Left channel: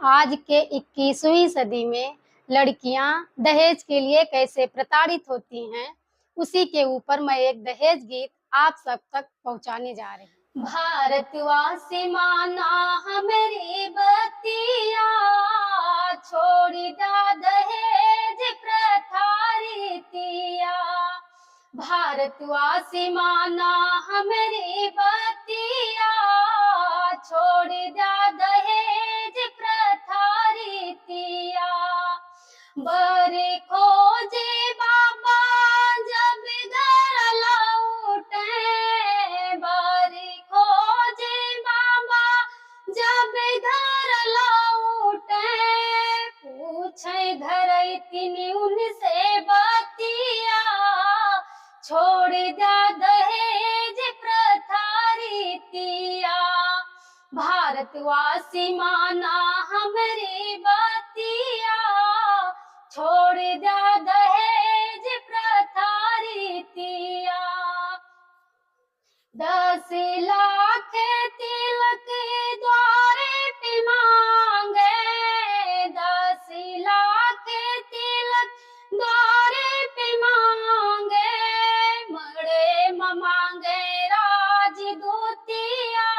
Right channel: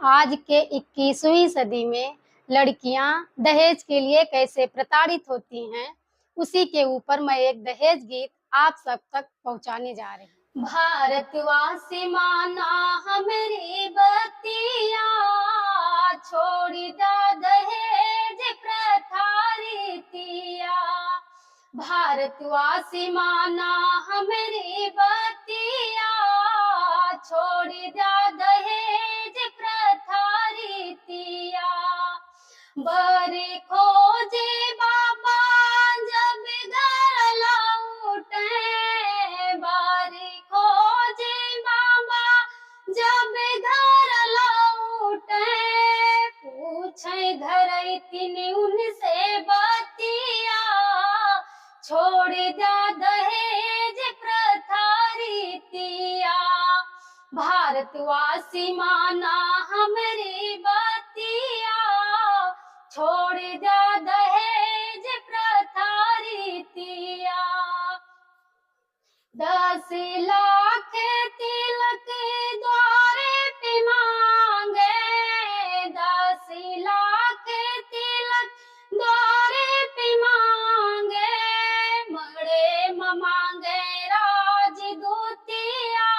आज के 21वीं सदी में लड़कियां दहेज के लिए कैसे प्रताड़ित होती हैं, उसी के ऊपर मैं एक दहेज गीत आप सब तक पहुंचाने जा रही हूँ। भारतवासी माना हमारी बतिया, छोड़ दा दहेज प्रथा रीतिया। भारतवासी माना हमारी बतिया, छोड़ दा दहेज प्रथा रीतिया। बरे खोजे बाबा जब घर लौटे, बरे खोजे बाबा जब घर लौटे। पूछे घर इतनी उनसे बतिया, छोड़ दा दहेज प्रथा रीतिया। भारतवासी माना हमारी बतिया, छोड़ दा दहेज प्रथा रीतिया। 10 लाख तिलक द्वारे पे मांगे, 10 लाख तिलक द्वारे पे मांगे। मड़े मांगे राजदूतिया,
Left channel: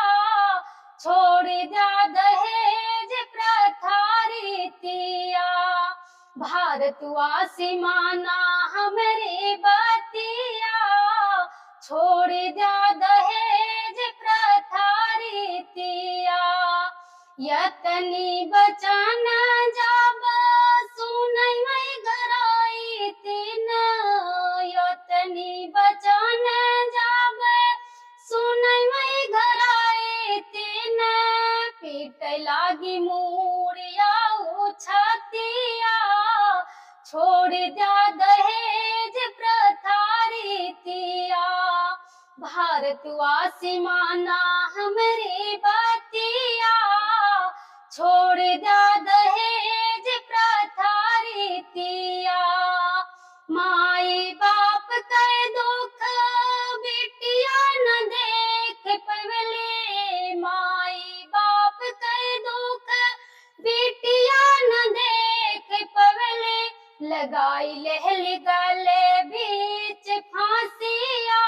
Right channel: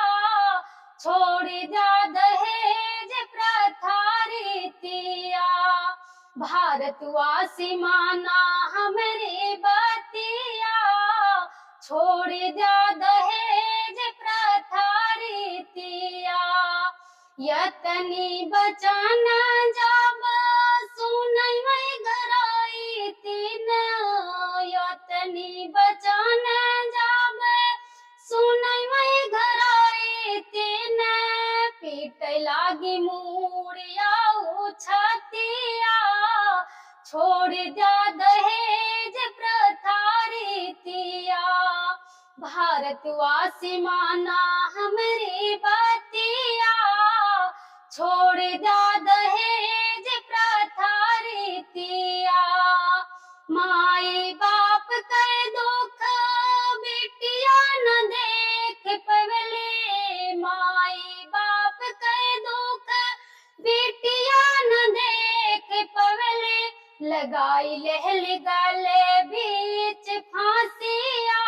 छोड़ दा दहेज प्रथा रीतिया। भारतवासी माना हमारी बतिया, छोड़ दा दहेज प्रथा रीतिया। यतनी बचन जब सुनै मैं घराई तीन, यतनी बचन जब सुनै मैं घराई तीन। पीटे लागी मूड़िया उछतिया, छोड़ दा दहेज प्रथा रीतिया। भारतवासी माना हमारी बतिया, छोड़ दा दहेज प्रथा रीतिया। माई बाप के दुख बेटिया न देख पवले, माई बाप के दुख बेटिया न देख पवले। लगाई लहली गले बीच फांसिया,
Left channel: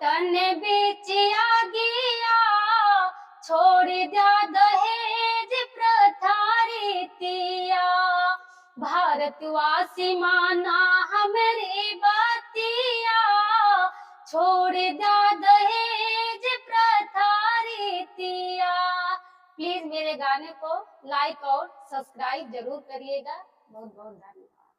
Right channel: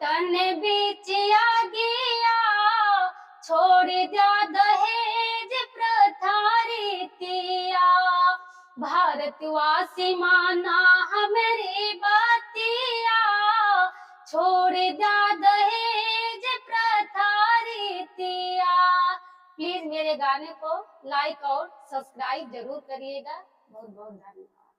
तन बीच आ गया, छोड़ दा दहेज प्रथा रीतिया। भारतवासी माना हमारी बतिया, छोड़ दा दहेज प्रथा रीतिया। प्लीज मेरे गाने को लाइक और सब्सक्राइब जरूर करिएगा। बहुत बहुत धन्यवाद।